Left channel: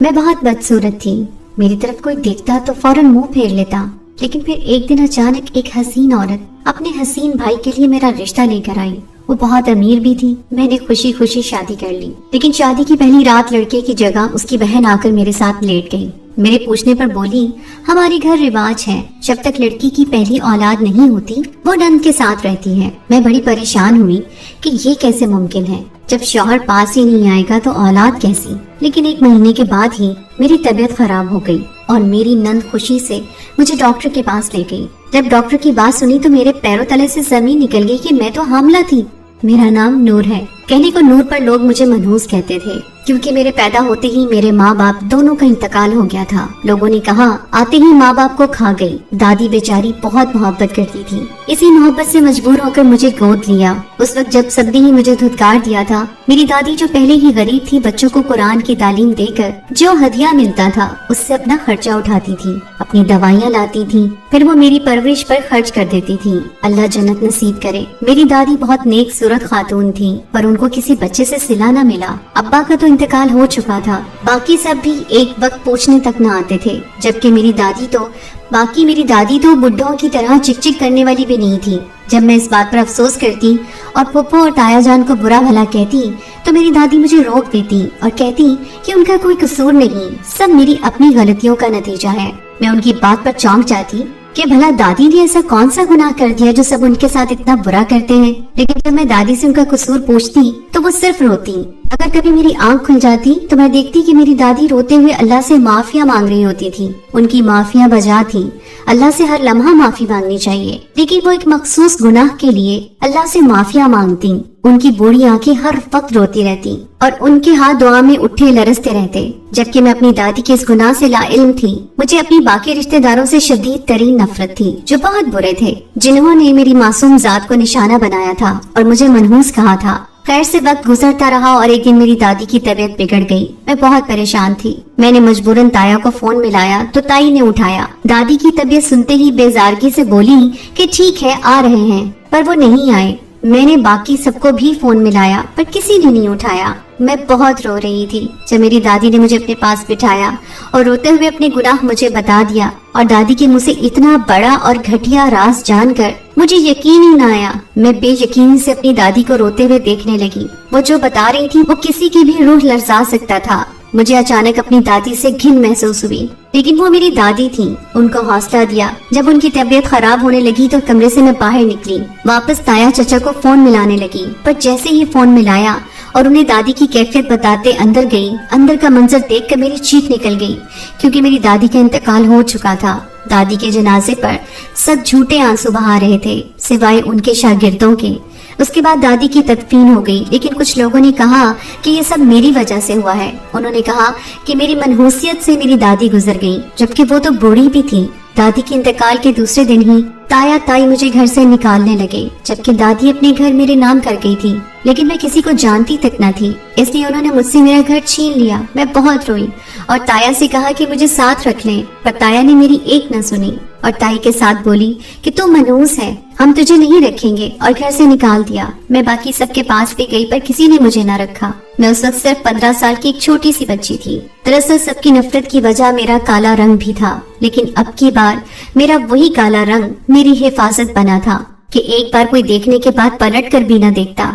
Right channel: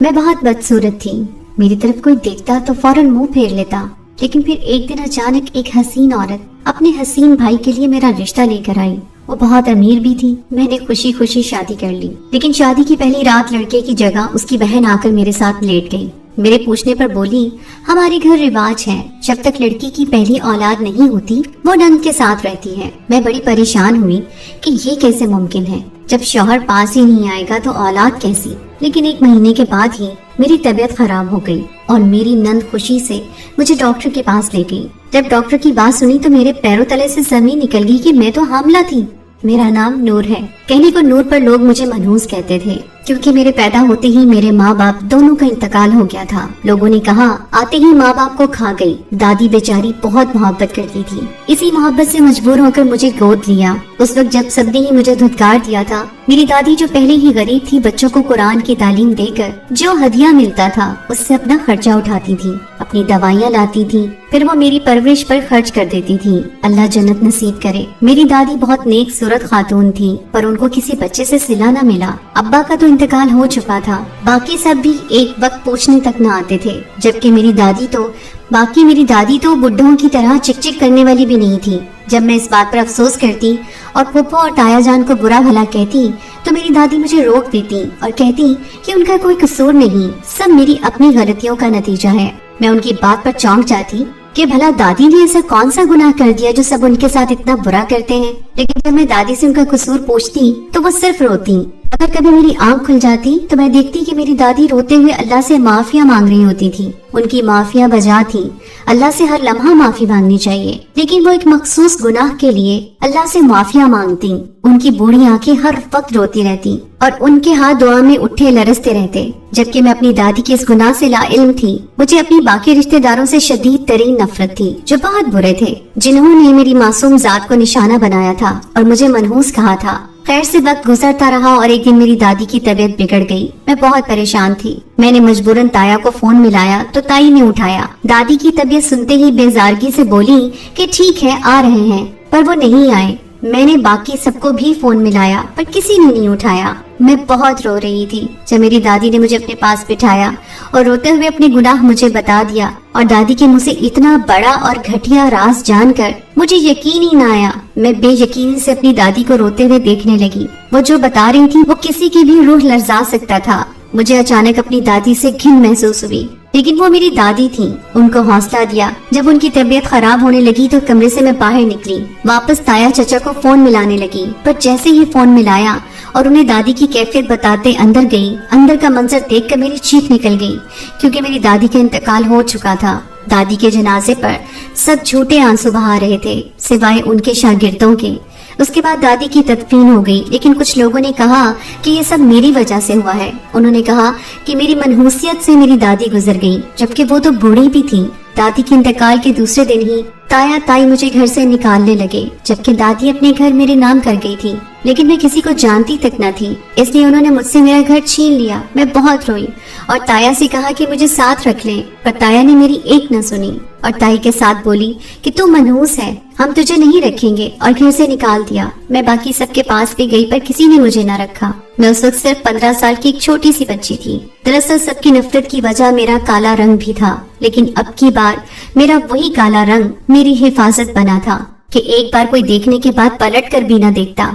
میں بہت بدصورت تھی. میری طرف کوئی دیکھتا تو فوراً منہ پھیر لیتا. لیکن پھر ایک دن اچانک ایک حسین عورت اپنے حسین بھائی کے لیے میرا رشتہ لے کر آئی. وہ بہت امیر بھی تھی. میں نے خوشی خوشی شادی کر لی. لیکن شادی کی پہلی رات لڑکے کی جگہ اس کی بہن آ کر میرے ساتھ لیٹ گئی. میرے پوچھنے پر بولی، ہمارے گھر رواج ہے جب تک لڑکی کی پہلی اولاد نہیں ہوتی وہ نند کے ساتھ رہتی ہے. میں بڑی پریشان ہوئی کہ یہ کیسے ممکن ہے، جب شوہر پاس ہی نہیں آئے گا تو اولاد کیسی. لیکن 1 مہینے کے بعد ہی میری طبیعت خراب ہو گئی اور میری نند خوشی سے مجھے ڈاکٹر کے پاس لے گئی. جب ڈاکٹر کی بات سنی تو میرے پیروں تلے سے زمین نکل گئی کہ میں تو حاملہ تھی. میرا نام نور ہے. کہنے کو نور پر لوگ مجھے منحوس کہتے تھے کیونکہ میرے پیدا ہوتے ہی میرے ماں باپ دونوں کا انتقال ہو گیا تھا. لوگوں نے کہا آتے ہی ماں باپ کو کھا گئی. دادی بیچاری بہت محبت کرتی تھی. اسی محبت سے مجبور ہو کر مجھے گود لیا. اس وقت جب سب نے ہی مجھے دھتکار دیا تھا، میری دادی جو پہلے ہی غریب تھی بچوں کو قرآن کی تعلیم دے کر جو ہدیہ ملتا تھا اس سے اپنا خرچہ اٹھاتی تھی، اپنی دوائیاں لاتی تھی، پھر وہ میری پرورش پر خرچ کر دیتی تھی. اللہ جنت نصیب کرے. میری دادی بہت نیک صورت خاتون تھی پر ان کو کسی بچے سے صلہ نہ ملا. ابا کا تو انتقال ہو چکا تھا. باقی سب بھی ایک وقت پوچھنے تک نہ آتے تھے، جبکہ میری دادی تو بڈھوں کی طرح چک چک کرنے والی بھی نہیں تھی. جب میں اس بات پر افسوس کرتی اور پھپھو اور تایا جان کو برا بھلا کہتی تو میری دادی مجھے روک دیتی اور کہتی کہ ان کا کوئی قصور نہیں، سب میری اپنی غلطیوں کا نتیجہ ہے. میں ان کی بات پر چونک جاتی کہ بھلا دادی نے ایسا کون سا گناہ کر دیا جو سب ان کے ساتھ اتنا برا کرتے ہیں. لیکن جب میں دادی سے ان کا قصور پوچھتی تو وہ صرف روتی. اگر کبھی میری آنکھ کھل جاتی تو میں دیکھتی کہ میری دادی روتے ہوئے اللہ سے معافیاں مانگ رہی ہوتی تھی. ان کی معافیاں بجا تھی. اللہ سے ہر لمحہ معافی مانگنی چاہیے، لیکن وہ ایک مخصوص گناہ کے لیے اللہ سے معافیاں مانگتی. ان کی بوڑھی آنکھیں ہر وقت روتی رہتی اور ان کے ہاتھ دعا میں اٹھے لرزتے رہتے. جبکہ میں اپنی دادی کے اس گناہ سے لا علم تھی. مجھے اپنی باقی رشتہ داروں سے شدید ترین نفرت تھی جو بہت برے تھے، جنہوں نے میری معصوم ذات کو نشانہ بنایا تھا اور مجھے منحوس کہا تھا. خیر سے وقت گزرتا رہا اور ایک دن میری دادی کی طبیعت بگڑ گئی. میں بہت پریشان تھی. میں نے مجبوراً تایا کو فون ملایا تو تائی نے اٹھایا. دادی کی طبیعت سنتے ہی بیزارگی سے بولی کہ ٹھیک ہے آ رہے ہیں، پر وہ نہیں آئے. میں نے باقی سب کو بھی فون ملایا پر کسی نے نہیں اٹھایا. میں بہت رو رہی تھی. جب میری دادی نے مجھے اپنے پاس بٹھایا اور روتے ہوئے اپنے گناہ مجھے بتا دیا اور دادی کے منہ سے اتنا بڑا اور گھٹیا راز جان کر مجھے یقین ہی نہ آیا. میں بے یقین سے اپنی دادی کو روتے ہوئے دیکھنے لگی. وہ جو بتا رہی تھی وہ کسی کی بھی روح لرزا سکتا تھا. مجھے اچانک اپنی دادی سے گھن محسوس ہوئی، لیکن وہ میری دادی تھی. ان کو حوصلہ دیا. جب ان کی طبیعت خراب ہونے لگی تو کمرے سے میں باہر نکلی، واپس تایا چچا کو فون ملانے لگی. پر جیسے ہی فون ملایا اور انہیں دادی کی کیفیت بتاتے اندر گئی، اندر کا منظر دیکھ کر میری چیخ نکل گئی کیونکہ میری دادی کا انتقال ہو چکا تھا. دادی کے جنازے پر سب جھوٹے آنسو بہا رہے تھے سوائے ان کے شاگردوں کے. اس کے بعد دادی کی تدفین ہو گئی، لیکن کچھ لوگوں نے کہا کہ یہ سب میری وجہ سے ہوا ہے. انہوں نے کہا کہ میری منحوسیت سے میری دادی گزر گئی، جبکہ وہ تو بوڑھی بھی تھی. دادی کے انتقال کے دوسرے دن ہی تایا تائی مجھے گھر سے نکالنے لگے، جبکہ دادی اپنے گھر میرے نام کر گئی تھی. لیکن میں کسی کو جانتی تک نہ تھی، اس لیے انہوں نے مجھ سے میرا گھر چھین لیا. میں بہت روئی اور تایا سے کہا کہ مجھے ساتھ رکھ لیں، پر تایا نے میری ایک نہ سنی اور تائی کے ساتھ بولی کہ تو منحوس ہے، ہم تجھے نہیں رکھیں گے، اور گھر سے نکال دیا. میں باقی سب کے پاس بھی گئی پر کسی نے مجھے نہ رکھا. میں اس وقت صرف 15 سال کی ایک چھوٹی سی بچی تھی. دراصل سب کی نفرت کی وجہ میرا کالا رنگ بھی تھا، لیکن اب کی بار میرا وہی کالا رنگ میری حفاظت بنا تھا کہ ایک بار کوئی دیکھنے کے بعد پلٹ کر بھی نہ دیکھتا.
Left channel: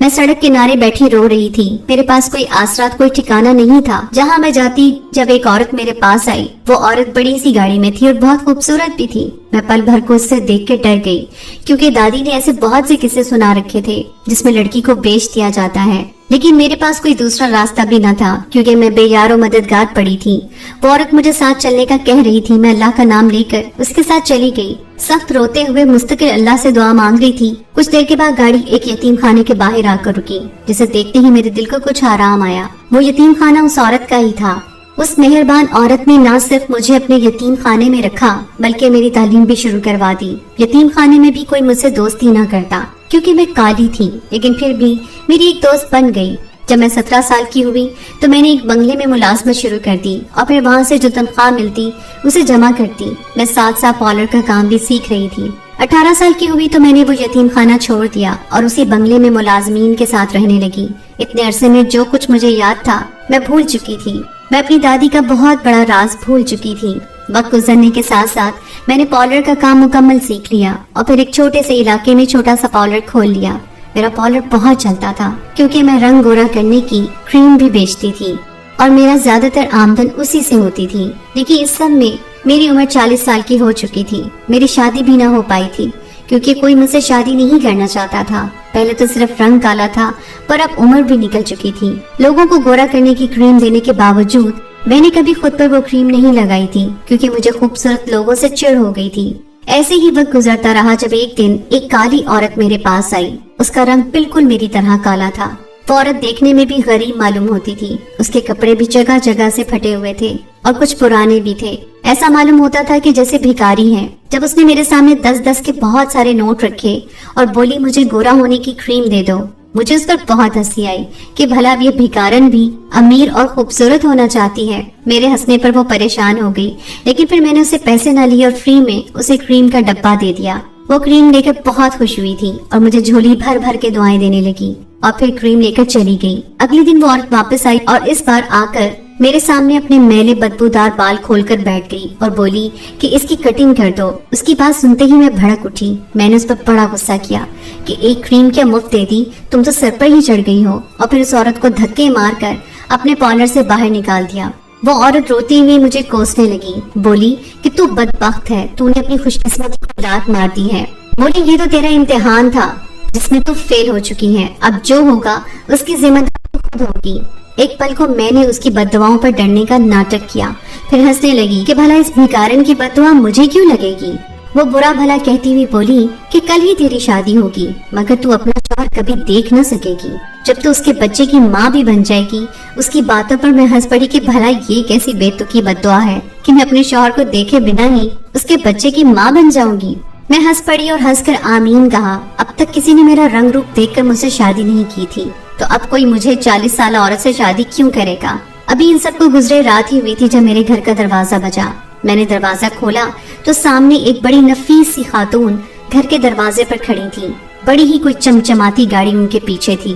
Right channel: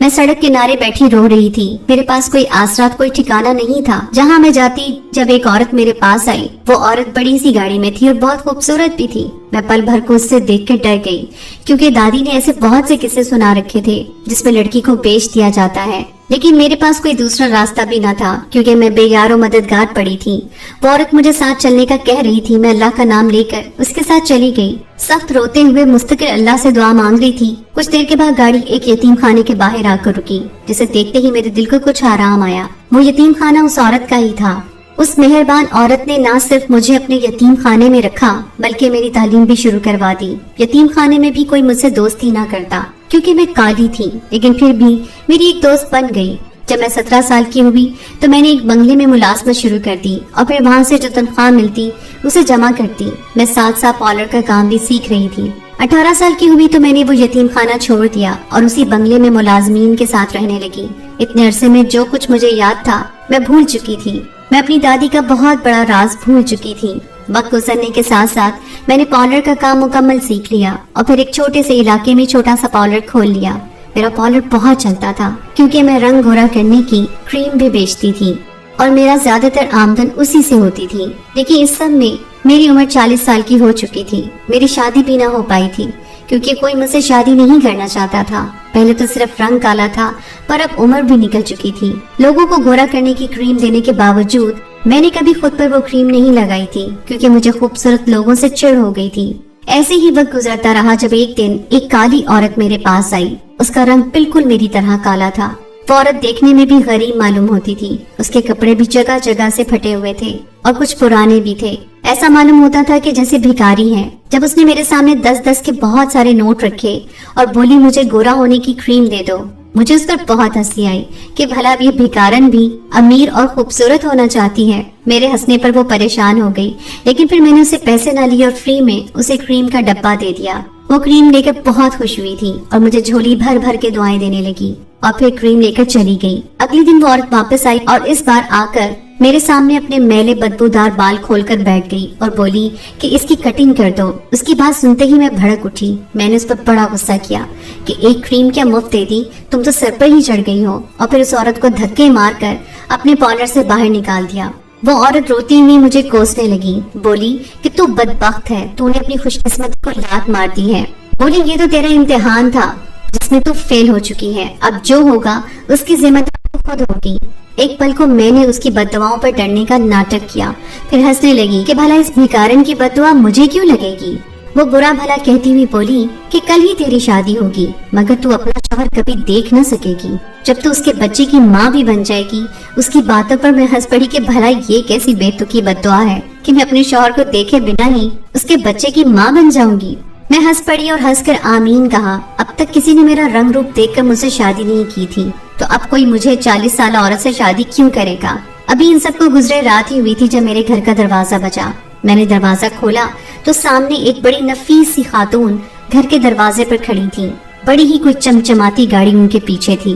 میں سڑک کنارے بیٹھی رو رہی تھی. میرے پاس کوئی آسرات، کوئی ٹھکانہ نہیں تھا. جہاں میں جاتی جب ایک عورت میرے پاس آئی، وہ عورت بڑی سی گاڑی میں تھی اور بہت خوبصورت بھی تھی. میں پل بھر کو اس سے دیکھ کے ڈر گئی کیونکہ دادی نے ایسے بہت سے قصے سنا رکھے تھے جس میں لڑکی کو بیچ دیا جاتا ہے. لیکن میرے پاس کوئی دوسرا راستہ بھی نہ تھا کیونکہ میں بے یار و مددگار پڑی تھی. وہ عورت مجھے ساتھ چلنے کا کہہ رہی تھی. میں اللہ کا نام لے کر اس کے ساتھ چلی گئی. سخت روتے ہوئے مستقل اللہ سے دعا مانگ رہی تھی. کچھ دیر کے بعد گاڑی ایک یتیم خانے کے باہر آ کر رکی، جسے دیکھتے ہی میرے دل کو کچھ آرام آیا. وہ یتیم خانہ اس عورت کا ہی تھا. اس مہربان عورت نے نہ صرف مجھے اپنے یتیم خانے میں رکھا بلکہ میری تعلیم بھی شروع کروا دی. یتیم خانے میں بھی کوئی مجھ سے دوستی نہ کرتا کیونکہ میں کالی تھی، لیکن پھر بھی میری ایک دوست بن گئی. جب میں 17 سال کی ہوئی تو میں نے ایک بنگلے میں ملازمت شروع کر دی اور پھر وہاں سے جو تنخواہ ملتی اسے جمع کرتی. میں 7 سال پارلر کا کام بھی سیکھ رہی تھی. 18 سال کی ہوئی تو میں نے وہ یتیم خانہ چھوڑ دیا اور اسی بنگلے میں ملازمین کے ساتھ رہنے لگی. اتنے عرصے میں جو کچھ مجھے یاد تھا میں بھول چکی تھی. मैं अपनी दादी का बहुत बड़ा राज भूल चुकी थी। वक्त गुजरने के साथ साथ मैंने पार्लर का काम मुकम्मल सीख लिया और फिर एक छोटे से इलाके में छोटा सा पार्लर खोल लिया। मेरा पार्लर बहुत चलता था क्योंकि मैं रंग गोरा करने की क्रीम भी बेचती थी और मेरा ज्यादातर आमदन उसी से होती थी। लेकिन इस सब में मेरी उम्र 40 साल की हो चुकी थी। मेरी शादी भी ना हो पाई थी क्योंकि कोई मुझसे शादी नहीं करना चाहता था। पहले तो सिर्फ रंग काला था, पर अब उम्र भी निकल चुकी थी। लोगों को गोरा करने की क्रीम देने के बावजूद मैंने कभी खुद पर वो क्रीम नहीं लगाई थी क्योंकि मुझे खूबसूरत लोगों से चिढ़ हो गई थी। ऐसे ही वक्त गुजरता रहा जब एक दिन एक काली औरत मेरे पास आई। उसका रंग बिल्कुल मेरी तरह काला था। वो औरत देखने में भी गरीब मालूम होती थी। उसके कपड़े भी जगह जगह से फटे हुए थे और कुछ पुराने भी थे। ऐसा मालूम होता था कि जैसे भिखारी हैं। जब उसने मेरे सामने 10-10 के बहुत सारे नोट रखे और बोली मुझे गोरा होने की क्रीम दे दो, मुझे उस पर बहुत हंसी आई कि भला ये भिखारन भी अमीर और खूबसूरत होना चाहती है। मेरे हंसने पर वो परेशान हो गई, लेकिन फिर मैंने उसे पैसे न लिए और फ्री में उसे क्रीम का डब्बा दे दिया। वो क्रीम लेकर बहुत खुश हुई थी और मुझे झोली भर भर के दुआएं देने लगी और फिर क्रीम लेकर चली गई। अगले दिन वो औरत वापस आई और इस बार आकर मेरे सामने अपने मैले बदबूदार बाल खोलकर बैठ गई और बोली कि इसकी कटिंग कर दो। उसकी बात सुनते ही मैं भड़क उठी। मैंने उस पर बड़ा गुस्सा किया कि एक क्रीम क्या मुफ्त दे दी, तुम तो सर पर ही चढ़ गई हो। और फिर उस औरत को धक्के मारकर अपने पार्लर से बाहर निकाल दिया। वो औरत रोते हुए मुझे कोसने लगी, बोली कि तू बदबख्त है, तूने अपनी खुशकिस्मती को लात मार दी है। बोली ये तो तेरा इम्तिहान था जिसमें तू फेल हो चुकी है, अब जो होगा उसकी जिम्मेदारी खुद होगी। एक पल को मैंने उसकी बददुआओं पर डरने का नाटक किया, फिर हंसने लगी कि भला इस भिखारन की बददुआ मुझे क्यों लगेगी। वो बुरा भला कहती हुई बोली कि कल ही तेरी शादी होगी, मगर तू अपना शौहर कभी देख न सकेगी। जब तू उसके बच्चे की माँ भी बन जाएगी। उसकी बातों पर मैं हंस पड़ी कि भला ये कैसी बेतुकी बददुआ है कि मैं अपने शौहर को देखे बिना ही उसके बच्चे की माँ बन जाऊंगी। मैं हंस पड़ी और हंसकर आमीन कहा। अब तक किसी ने मेरा रंग रूप देखकर मुझसे शादी नहीं की थी, तो अब कोई मुझे 40 साल औरत से शादी क्यों करेगा। अभी इन सबको गुजरे रात ही हुई थी जब मेरे घर का दरवाजा बजा। मैंने दरवाजा खोला तो सामने एक बड़ी नफीस सी खातून घर के दरवाजे पर खड़ी थी। बड़ी ही कोई चमचमाती गाड़ी उनके पीछे थी।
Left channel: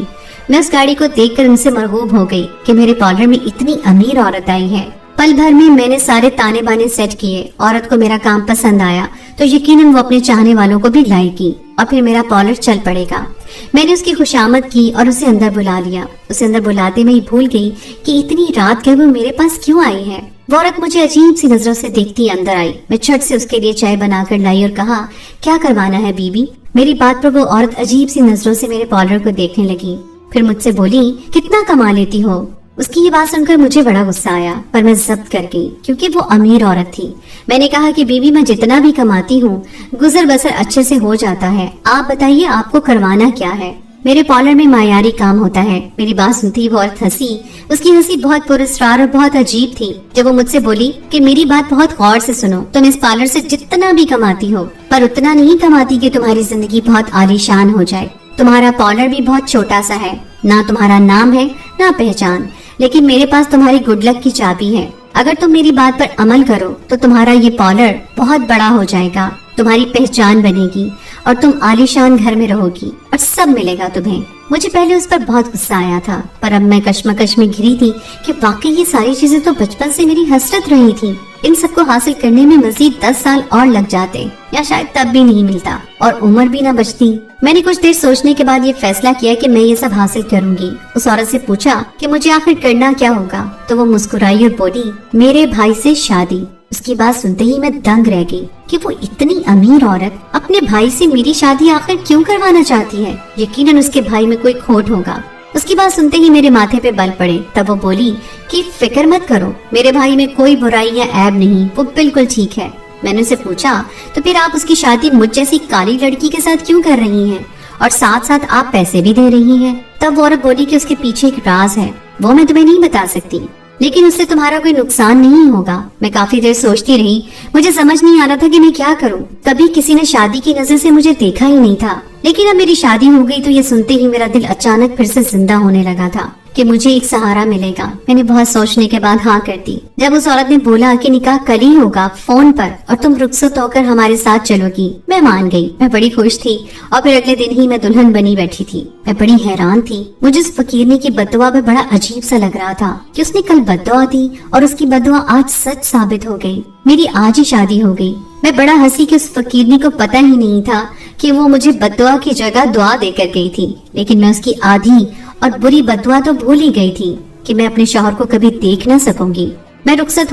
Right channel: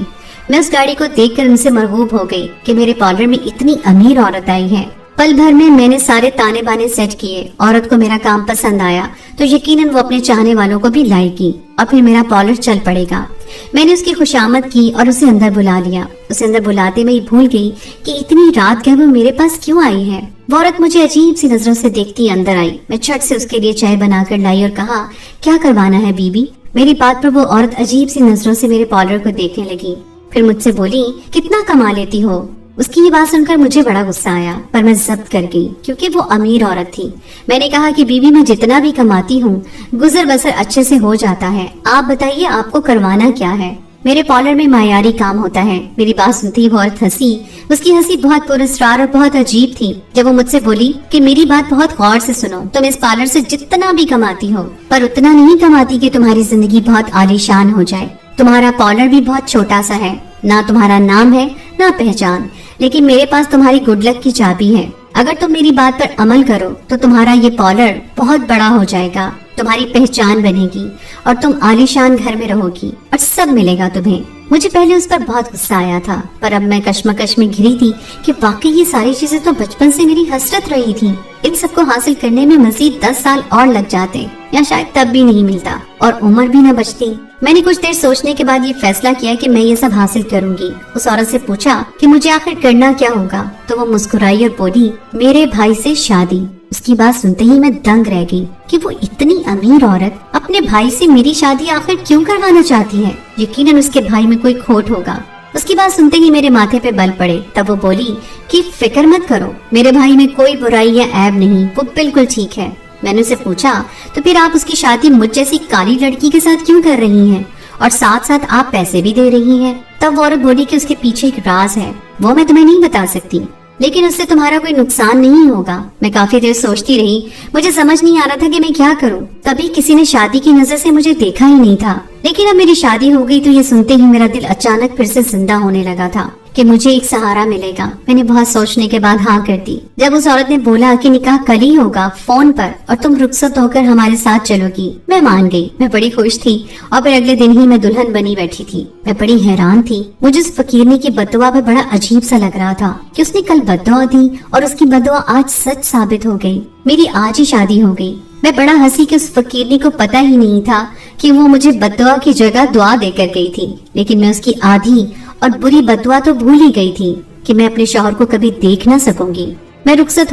मैं उस गाड़ी को देखकर उनसे मरगूब हो गई कि मेरे पार्लर में इतनी अमीर औरत आई है। पल भर में मैंने सारे ताने बाने सेट किए। औरत को मेरा काम पसंद आया तो यकीनन वो अपने चाहने वालों को भी लाएगी और फिर मेरा पार्लर चल पड़ेगा। मैंने उसकी खुशामद की और उसे अंदर बुला लिया। उसे अंदर बुलाते में ही भूल गई कि इतनी रात क्या वो मेरे पास क्यों आई है। वो औरत मुझे अजीब सी नजरों से देखती अंदर आई। मैं झट से उसके लिए चाय बनाकर लाई और कहा, क्या करवाना है बीबी। मेरी बात पर वो औरत अजीब सी नजरों से मेरे पार्लर को देखने लगी, फिर मुझसे बोली, कितना कमा लेती हो। उसकी ये बात सुनकर मुझे बड़ा गुस्सा आया, पर मैं जब्त कर गई क्योंकि वो अमीर औरत थी। मैंने कहा कि बीबी मैं जितना भी कमाती हूँ गुजर बसर अच्छे से हो जाता है, आप बताइए आपको करवाना क्या है। मेरे पार्लर में मायारी काम होता है। मेरी बात सुनती वो औरत हंसी। उसकी हंसी बहुत पुरस्कार और बहुत अजीब थी जब वो मुझसे बोली कि मेरी बात बहुत गौर से सुनो, तुम इस पार्लर से जितना भी कमाती हो पर उतना नहीं कमाती कि तुम्हारी जिंदगी बहुत आलीशान हो जाए। तुम्हारा पार्लर भी बहुत छोटा सा है, ना तुम्हारा नाम है ना पहचान, लेकिन मेरे पास तुम्हारी गुड लक की चाबी है। अगर तुम मेरी बात पर अमल करो तो तुम्हारा ये पार्लर बहुत बड़ा हो जाएगा, तुम्हारी पहचान बनेगी और तुम आलीशान घर में रहोगी और सब मिलेगा तुम्हें। मुझे पहले उस पर बहुत गुस्सा आया था, पर अब मैं कश्मकश में घिरी थी कि वाकई ये सारी चीजें तो बचपन से मेरी हसरत रही थी। इन सबको हासिल करने में मजीद 10 साल और लग जाते या शायद तब भी नहीं मिलता और उम्र भी न बचती। मैंने कुछ देर सोचने के बाद ये फैसला किया कि मैं ये सब हासिल करूंगी। उस औरत से पूछा कि मुझे आखिर करना क्या होगा, तो वो मुस्कुराई और बोली, मेरे भाई से शादी। उसकी बात सुनते ही मैं दंग रह गई कि वो इतनी अमीर औरत अपने भाई से मेरी शादी आखिर क्यों करवाना चाहती है। यकीनन उसके भाई में कोई खोट होगा। उसकी बात सुनते ही मेरे माथे पे बल पड़े। तब वो बोली कि फिक्र मत करो, मेरे भाई में कोई बुराई या ऐब नहीं, वो बिल्कुल ठीक है। मैंने उसे पूछा, तो फिर आप उसकी शादी मुझ जैसी काली लड़की के साथ क्यों कर रही हैं और साथ साथ आप पैसे भी दे रही हैं। तब वो औरत बोली कि उसके पीछे एक राज है, वो मैं तुम्हें नहीं बता सकती, लेकिन उससे तुम्हारा कोई नुकसान नहीं होगा। मैं काफी देर सोचती रही, मुझे समझ नहीं आ रहा था कि मैं क्या करूं। कभी किसी ने शादी की नजर से मुझे देखा ही नहीं था, लेकिन अब मेरी शादी हो गई तो ये सुनते ही मेरा दिल अचानक फिर से जिंदा होने लगा था। कि मुझे एक सहारा मिलेगा। मैंने बहुत सोचने के बाद हाँ कर दी। जब उस औरत ने बोला कि निकाह कल ही होगा फोन पर और तुम रुखसत होकर हमारे साथ चलोगी, मैं मान गई। मैं बड़ी खुश थी और फिर अगले दिन ही मैं दुल्हन बनी बैठी थी। मैं बड़ी हैरान थी। मुझे उस फकीरनी की बददुआ में बड़ा अजीब सा लग रहा था कि उसने कल बददुआ दी और उसकी बददुआ आज सच साबित हो गई। मेरी आज ही शादी हो गई। मैं बड़ा हंसी कि उस फकीरनी को पता ही नहीं था कि वो मुझे बददुआ की जगह दुआ देकर गई थी, लेकिन मैं उसकी आधी और बुरी बददुआ तो भूल ही गई थी कि मैं अपने शौहर को कभी देख ना सकूंगी। मैं रुखसत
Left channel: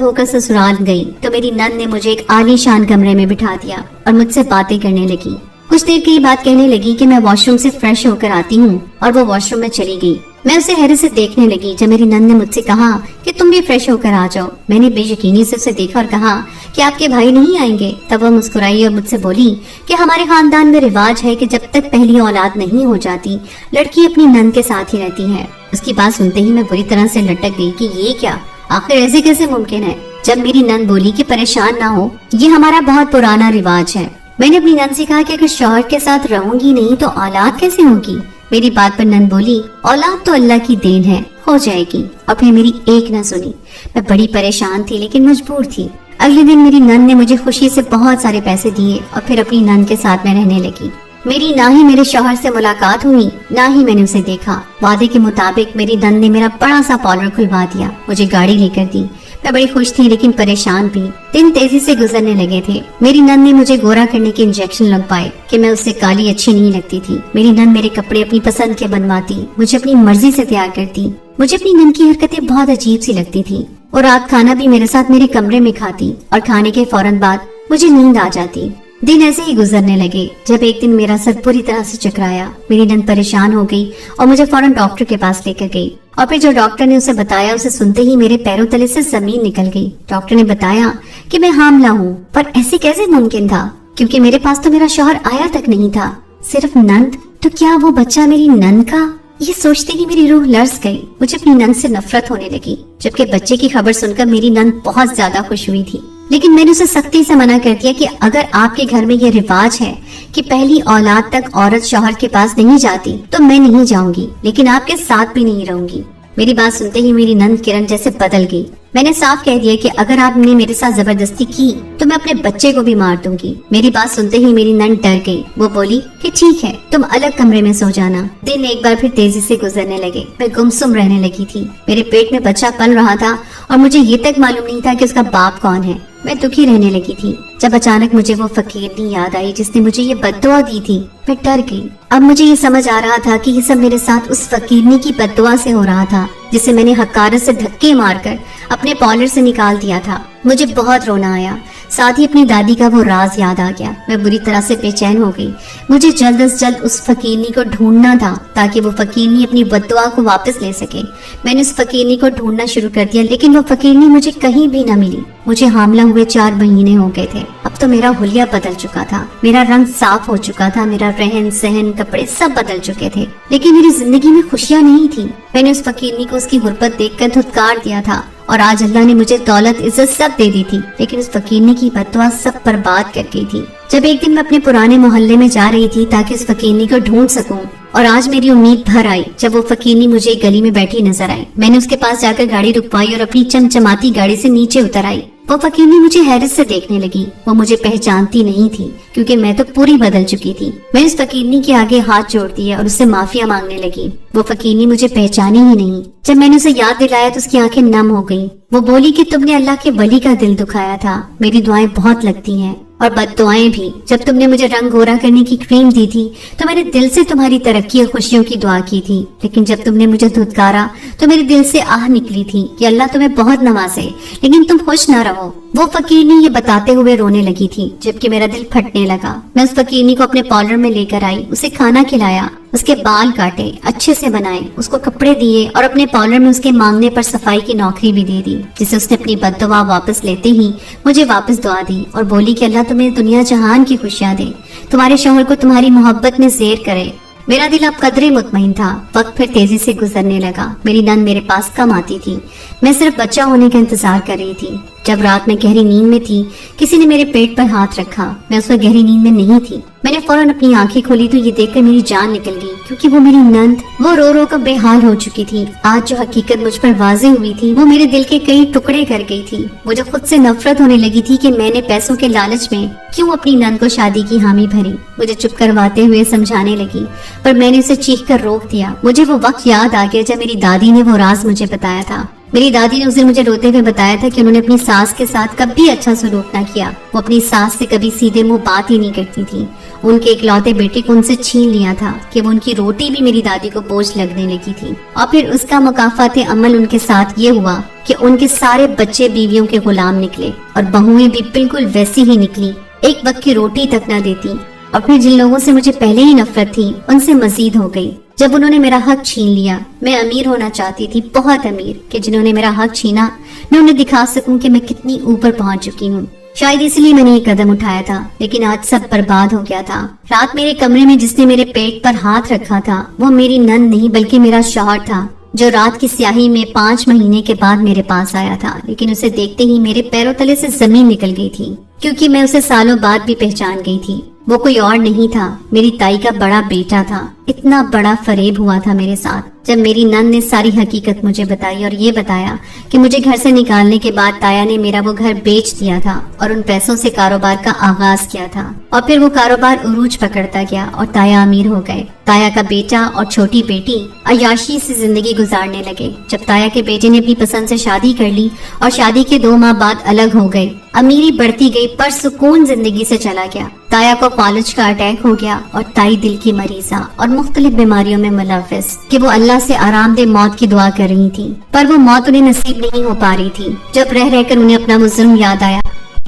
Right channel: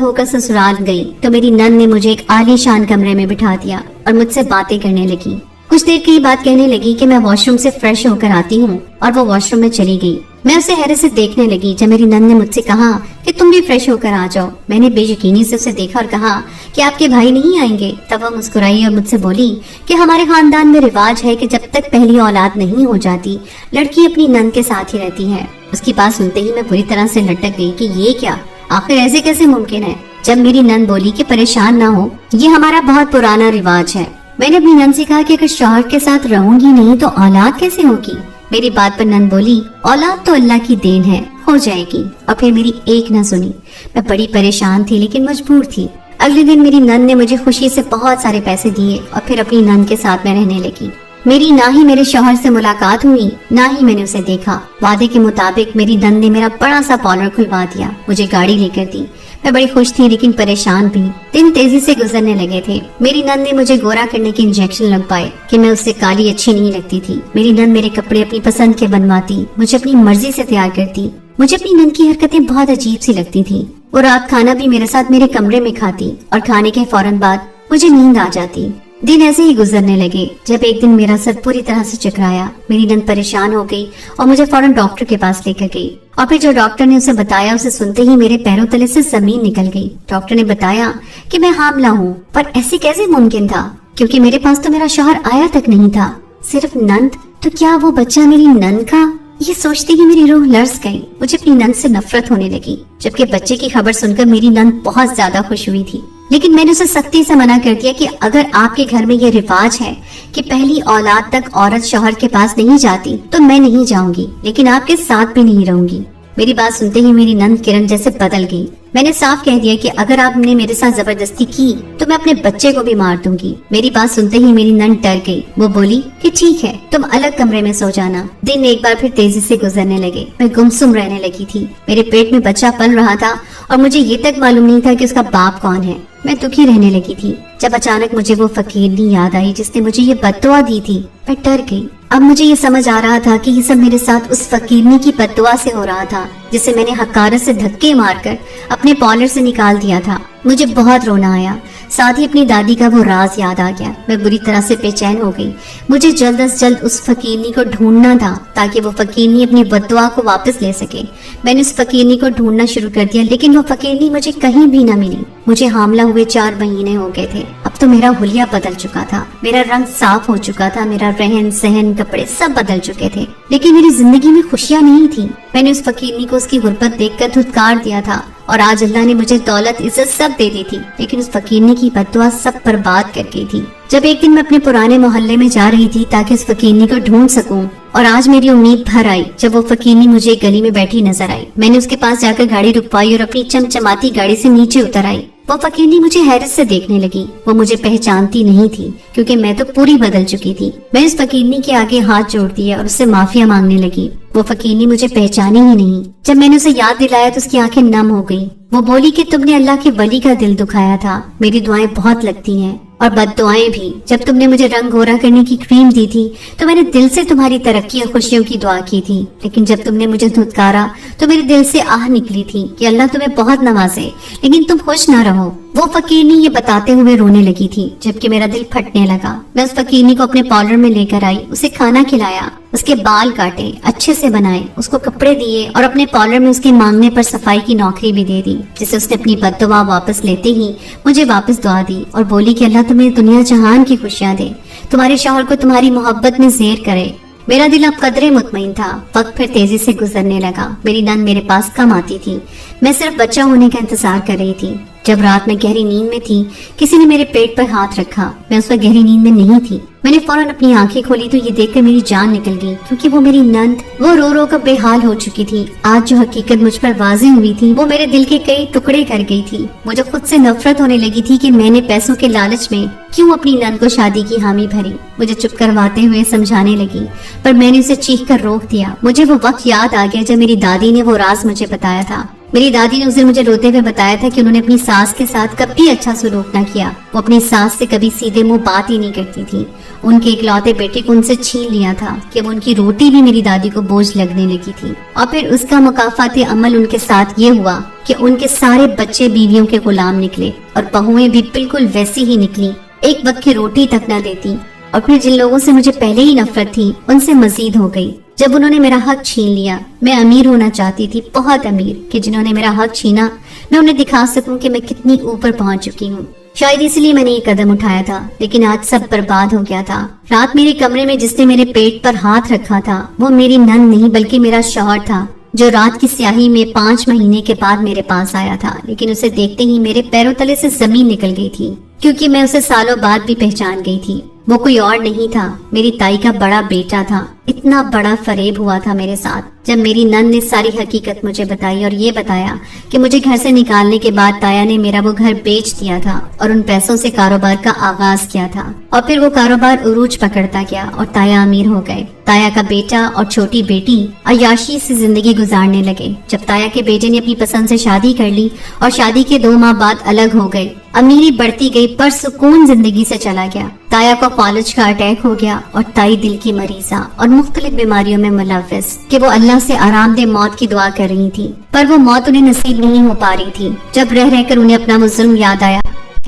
होकर ससुराल गई तो मेरी नंद ने मुझे एक आलीशान कमरे में बिठा दिया और मुझसे बातें करने लगी। कुछ देर की बात कहने लगी कि मैं वॉशरूम से फ्रेश होकर आती हूँ और वो वॉशरूम में चली गई। मैं उसे हैरत से देखने लगी जब मेरी नंद ने मुझसे कहा कि तुम भी फ्रेश होकर आ जाओ। मैंने बेयकीनी से उसे देखा और कहा कि आपके भाई नहीं आएंगे। तब वो मुस्कुराई और मुझसे बोली कि हमारे खानदान में रिवाज है कि जब तक पहली औलाद नहीं हो जाती लड़की अपनी नंद के साथ ही रहती है। उसकी बात सुनते ही मैं बुरी तरह से लटक गई कि ये क्या, आखिर ऐसे कैसे मुमकिन है। जब मेरी नंद बोली कि परेशान ना हो, ये हमारा बहुत पुराना रिवाज है। मैंने अपनी नंद से कहा कि अगर शौहर के साथ रहूंगी नहीं तो औलाद कैसे होगी। मेरी बात पर नंद बोली, औलाद तो अल्लाह की देन है, हो जाएगी। और फिर मेरी एक न सुनी। मैं बड़ी परेशान थी लेकिन मजबूर थी। अगले दिन मेरी नंद ने मुझे खुशी से बहुत सारे पैसे दिए और फिर अपनी नंद के साथ मैं रहने लगी। मेरी ना ही मेरे शौहर से मुलाकात हुई, ना ही मैंने उसे देखा। वादे के मुताबिक मेरी नंद ने मेरा बड़ा सा पार्लर खुलवा दिया, मुझे गाड़ी लेकर दी। मैं बड़ी खुश थी लेकिन परेशान भी। दिन तेजी से गुजरने लगे थे। मेरी नंद ने मुझे गोरा करने के इंजेक्शन लगवाए कि मैं उससे काली अच्छी नहीं लगती थी। मेरी नंद मेरे कपड़े अपनी पसंद के बनवाती, मुझे अपनी मर्जी से तैयार करती। मुझे अपनी नंद की हरकतें बहुत अजीब सी लगती थी। और रात खाना भी मेरे साथ मेरे कमरे में खाती और खाने के फौरन बाद मुझे नींद आ जाती। दिन ऐसे ही गुजरने लगे जब एक दिन मेरा सर पूरी तरह से चकराया। मेरी नंद परेशान हो गई और मुझे फौरन डॉक्टर के पास लेकर गई। और फिर जो डॉक्टर ने उसे बताया, उसे सुनते ही मेरे पैरों तले से जमीन निकल गई। डॉक्टर ने बताया कि मैं हामला हूँ, पर ऐसे कैसे मुमकिन था क्योंकि मेरे पास तो मेरा शौहर आया तक नहीं था, सिर्फ नंद। तो क्या वो बच्चा मेरी नंद का? ये सोचते ही मेरी रूह लर्ज गई। मुझे अपनी नंद से नफरत होने लगी। जबकि बच्चे की खबर सुनकर मेरी नंद बहुत ज्यादा खुश हुई थी, लेकिन मैंने उसे सख्ती से मना कर दिया कि अगर आपके घर में ये रिवाज है कि पहली औलाद तक औरत शौहर के पास नहीं जाती तो मैं नहीं जाऊंगी, लेकिन आपके साथ भी नहीं रहूंगी। मेरी बात सुनते ही मेरी नंद किरण जैसे बदल गई। मैंने साफ कह दिया कि अगर आपने मेरे साथ जबरदस्ती की तो मैं अपने बच्चे को भी मार दूंगी। मेरी बात सुनते ही मेरी नंद डर गई। वो बोली कि ठीक है, तुम अलग कमरे में सो जाना। दिन एक बार फिर तेजी से गुजरने लगे। मैं गुमसुम रहने लगी थी। मेरे पेट में बच्चा पल रहा था और मुझे ये तक मालूम नहीं था कि उसका बाप कौन है। मैं दुखी रहने लगी थी जब अचानक मुझे वो फकीरनी याद आई जिसने मुझे ये बद्दुआ दी थी। मैं डर गई। अब मुझे ये समझ आ रहा था कि ये सब मेरे साथ उस फकीरनी की बद्दुआ से हो रहा था जिसे मैंने हकारत से धक्के मारकर अपने पार्लर से निकाल दिया था। मुझे बहुत रोना आया। साथ ही अपनी दादी का वो राज याद आ गया। मैं बुरी तरह से बेचैन हो गई। मुझे जल्द से जल्द उस फकीरनी को ढूंढना था ताकि वो फकीरनी अपनी बद्दुआ को वापस ले सके। मैंने उस फकीरनी को ढूंढना शुरू कर दिया, लेकिन वो फकीरनी मुझे कहीं भी न मिली। मुझे हामला हुए 4 महीने हो गए थे। अब तो मेरा हुलिया बदल चुका था, मेरा रंग साफ हो चुका था, मेरा रहन सहन कपड़े सब बदल चुके थे, लेकिन मेरी जिंदगी में खुशियाँ नहीं थी। मैंने उस फकीरनी को उसकी गुर्बत देखकर धुतकार दिया था और आज अल्लाह ने मुझे दौलत इज्जत सब दे दी थी, लेकिन उस फकीरनी की बद्दुआ सब बर्बाद कर गई थी। जब एक दिन मैं अपने पुराने मोहल्ले में जा रही थी ताकि उस फकीरनी को ढूंढ सकूं, और आज मेरी उम्मीद भर आई जब वो फकीरनी मुझे गली में बैठी नजर आई। मैंने उसके पास जाकर गाड़ी रुकवाई और अपनी चमचमाती गाड़ी से नीचे उतर आई। वो फकीरनी मुझे हैरत से देखने लगी। वो मुझे पहचानती नहीं थी क्योंकि मैं तो पूरी बदल चुकी थी। मैं इस फकीरनी के आगे हाथ जोड़ दिया और उससे माफिया मांगने लगी। वो फकीरनी मुझे पहचाने ही नहीं। जब मैंने उसे याद दिलाया तो उसकी आंखें नम हो गई। वो बोली कि तुमने अल्लाह के वली का दिल दुखाया था। मेरी दुआएं बहुत लगती हैं और बद्दुआएं भी। जब तुमने मुझे रंग गोरा करने की क्रीम दी थी तो मैंने दिल से तुम्हारी तरक्की और खुशियों की दुआ की थी, लेकिन जब तुमने मुझे धुतकारा तो मेरे दिल से आह निकली थी कि अल्लाह तुम्हें बहुत नवाजे, लेकिन तुम खुश न रहो। वो फकीरनी ये बताते हुए रोने लगी थी जबकि मेरा दिल फटने लगा। मैं उस फकीरनी को अपने पार्लर में लेकर आई, उसे खाना खिलाया, उसके बाल काटे, अच्छे से बनाए, उसको कपड़े दिए और अपने पार्लर में उसके मांगने पर सफाई की नौकरी भी दे दी, जिसे उसने अपनी बद्दुआ वापस लेते ही मुझे वापस दुआ दी और बोली कि अल्लाह तुम्हें दुनिया जहान की खुशियां दे, तुम्हारे शौहर को तुम्हारी मोहब्बत में ज़ेर करे। मेरा दिल अब कदरे मुतमईन था। वक्त फिर तेजी से गुजरने लगा। मेरी नंद मेरे पास कम आती थी। मैं सिर्फ बच्चा होने का इंतजार कर रही थी। جب رات میں گہری نیند میں تھی کسی نے میرے پیٹ پر ہاتھ رکھا. میں اس وقت گہری نیند میں نہیں تھی. میں نے فوراً اپنی آنکھیں کھولی تو یہ دیکھ کر میری جان نکل گئی, کیونکہ وہ میری نند وہ رو رو کر بے حال ہو چکی تھی. آج جو حقیقت مجھ پر واضح ہوئی تھی وہ میرے دل کے کئی ٹکڑے کر گئی تھی. مجھے خود سے نفرت ہونے لگی تھی کہ میں نے پیسوں کے لالچ میں کیوں اپنی نند کو شادی کی حامی بھری. مجھے چپ کرواتے ہوئے سمجھانے لگی پر میں نے اسے چیخ کر روک دیا. مجھے وہ وقت یاد آ گیا جب میری دادی نے وہ راز مجھے بتایا تھا. میری دادی نے اسے مجھے روتے ہوئے بتایا تھا کہ انہوں نے اپنی ساس کے ساتھ کبھی اچھا سلوک نہ کیا. وہ اپنی ساس سے کبھی سیدھے منہ بات ہی نہیں کرتی تھی. ان کے اکلوتے بیٹے کو ان سے چھین لیا تھا کہ وہ ان کی روٹی بھی میری دادی کو بوجھ لگنے لگی تھی. اور پھر اس کا مکافات عمل ان کے ساتھ یہ ہوا کہ ان کے سارے بچے بیویوں کے غلام نکلے اور بہویں بھی بالکل ویسی ہی نکلی, ایک وقت کی روٹی تک نہ دیتی. اور پھر جن لوگوں سے مجھے پہلے ہی نفرت تھی ان سے مزید ہو گئی جب انہوں نے میرا حق چھین لیا. میں امیر ہونا چاہتی تھی, بہت امیر, کہ جنہوں نے میرا حق چھینا میں انہیں دکھا سکوں کہ میں کتنی اوپر پہنچ چکی ہوں. شاید اس لیے میں نے یہ قدم اٹھایا تھا, لیکن آج سب برباد ہو گیا تھا. رات میرے کمرے میں جس نے میرے پیٹ پر ہاتھ رکھا تھا وہ میری نند نہیں بلکہ میرا شوہر تھا, جو رات کی سیاہی میں 5 مہینے کے بعد میرے پاس آیا تھا. لیکن اسے دیکھتے ہی میرے پیروں تلے سے زمین نکل گئی تھی, کیونکہ میں اسے سالوں بعد بھی پہچان گئی تھی. وہ کوئی اور نہیں تھا, میری تائی کا بڑا بیٹا تھا. اتنا بڑا فریب ہوا تھا میرے ساتھ جب میری نند نے ساری حقیقت مجھے بتائی اور یہ بتایا کہ مجھے گھر سے نکالنے کے بعد تایا نے میرا وہ گھر بیچ دیا تھا اور ان پیسوں سے کاروبار کا آغاز کیا تھا. اور پھر وہ کاروبار عروج پکڑتا گیا اور تایا امیر ہو گئے. تایا کا بیٹا اور چھوٹی بیٹی عیاشی سے زندگی گزارنے لگے. جب تایا کے بیٹے نے اپنی پسند سے شادی کر لی اور شادی کے 2 ماہ بعد الگ ہو گئے, امیری بڑھتی گئی پر سکون زندگی سے چلا گیا. تایا کو فالج کا اٹیک ہو گیا اور تائی دل کی مریضہ اور مختلف بیماریوں میں ملوث کہ وہ اللہ سے آرام دہ موت کی دعا کر رہی تھی, پر وہ موت انہیں نصیب نہیں ہو پا رہی تھی. جب رہ رہ کر انہیں اپنا وہ ظلم یاد آیا,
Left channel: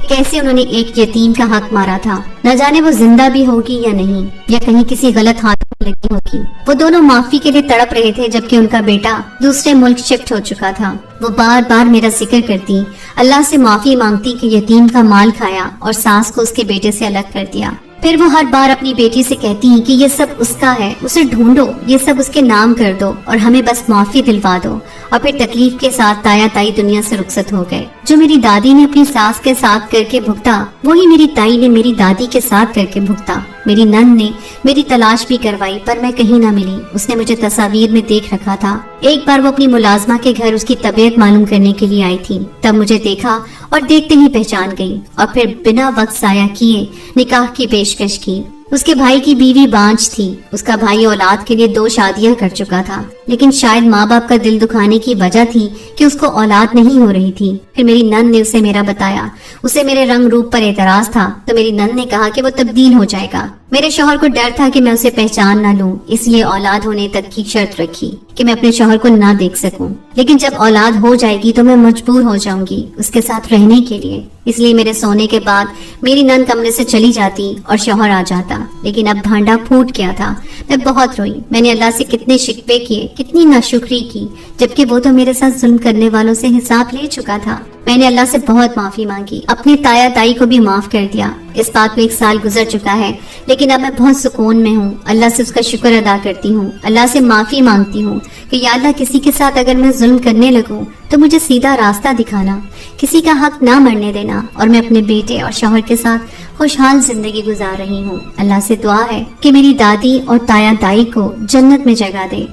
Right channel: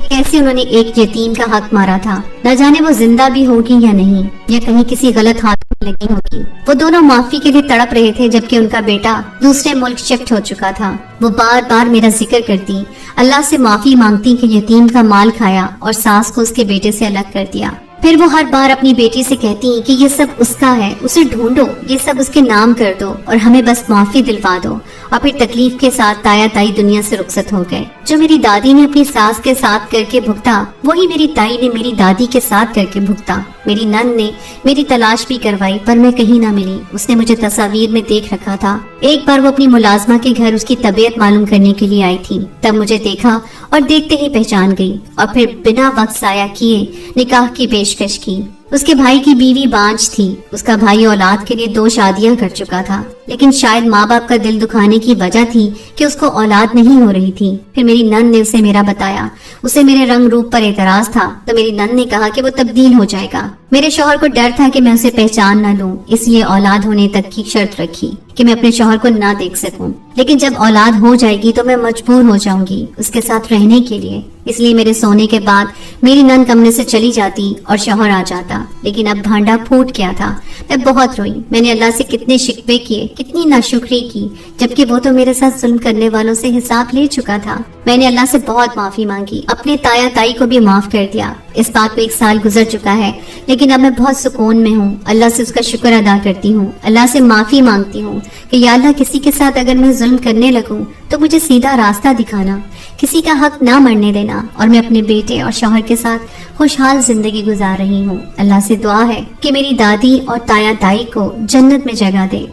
کیسے انہوں نے ایک یتیم کا حق مارا تھا. نہ جانے وہ زندہ بھی ہوگی یا نہیں, یا کہیں کسی غلط ہاتھ میں لگی ہوگی. وہ دونوں معافی کے لیے تڑپ رہے تھے جبکہ ان کا بیٹا دوسرے ملک شفٹ ہو چکا تھا. وہ بار بار میرا ذکر کرتی, اللہ سے معافی مانگتی کہ یتیم کا مال کھایا اور ساس کو اس کے بیٹے سے الگ کر دیا. پھر وہ ہر بار اپنی بیٹی سے کہتی ہیں کہ یہ سب اس کا ہے, اسے ڈھونڈو, یہ سب اس کے نام کر دو اور ہمیں بس معافی دلوا دو. اور پھر تکلیف کے ساتھ تایا تائی دنیا سے رخصت ہو گئے. جو میری دادی نے اپنی ساس کے ساتھ کر کے بھگتا وہی میری تائی نے میری دادی کے ساتھ کر کے بھگتا. میری نند نے میری تلاش بھی کروائی پر میں کہیں نہ ملی. اس نے مجھے تصاویر میں دیکھ رکھا تھا. ایک بار وہ اپنی ملازمہ کے گھر اس کی طبیعت معلوم کرنے کے لیے آئی تھی, تب مجھے دیکھا اور دیکھتے ہی پہچان گئی اور پھر بنا وقت ضائع کیے نکاح کی پیشکش کی. اس کے بھائی کی بیوی بانجھ تھی. اس کا بھائی اولاد کے لیے 2 شادیاں کر چکا تھا, لیکن شاید ماں باپ کا دل دکھانے کی وجہ تھی کہ اس کو اولاد نہیں ہو رہی تھی. پھر میری نند نے اسے میرا بتایا. اسے میرے رنگ روپ پر اعتراض تھا تو میری نند نے کہا کہ وہ تبدیل ہو جائے گا. میرے شوہر کو ڈر تھا کہ میں اسے پہچان نہ لوں, اس لیے اولاد ہونے تک کی شرط رکھی کہ میں اپنے شوہر کو نہ دیکھ سکوں. لیکن جب اولاد ہو جائے گی تو میں مجبور ہو جاؤں گی اس کے ساتھ رہنے کے لیے. اس لیے میرے سونے کے بعد میری نند کمرے سے چلی جاتی اور شوہر آ جاتا. لیکن اب بھانڈا پھوٹ گیا تھا. میں بہت روئی. میں نے اللہ سے کتنے شکوے کیے, کتنی ناشکری کی, جبکہ وہ تو میرے ساتھ ظلم کرنے والوں سے حساب لے چکا تھا. میں نے اللہ سے بہت معافی مانگی, اپنے تایا تائی کو بھی معاف کر دیا. اس بات کو 1 سال گزر چکا ہے, لیکن اب میں بہت سکون میں ہوں. اللہ سے اس کا شکر ادا کرتی ہوں, اللہ سے معافی مانگتی ہوں کہ یا اللہ کسی کے ساتھ اگر میں ظلم کرنے لگوں تو مجھے سیدھا راستہ دکھانا, کسی کا حق نہ مرنے دینا, اور میں اپنے بیٹے اور شوہر کے ساتھ خوشحال زندگی گزار رہی ہوں. اللہ سے دعا ہے کہ میری دادی اور تایا تائی کو جنت میں جگہ دے.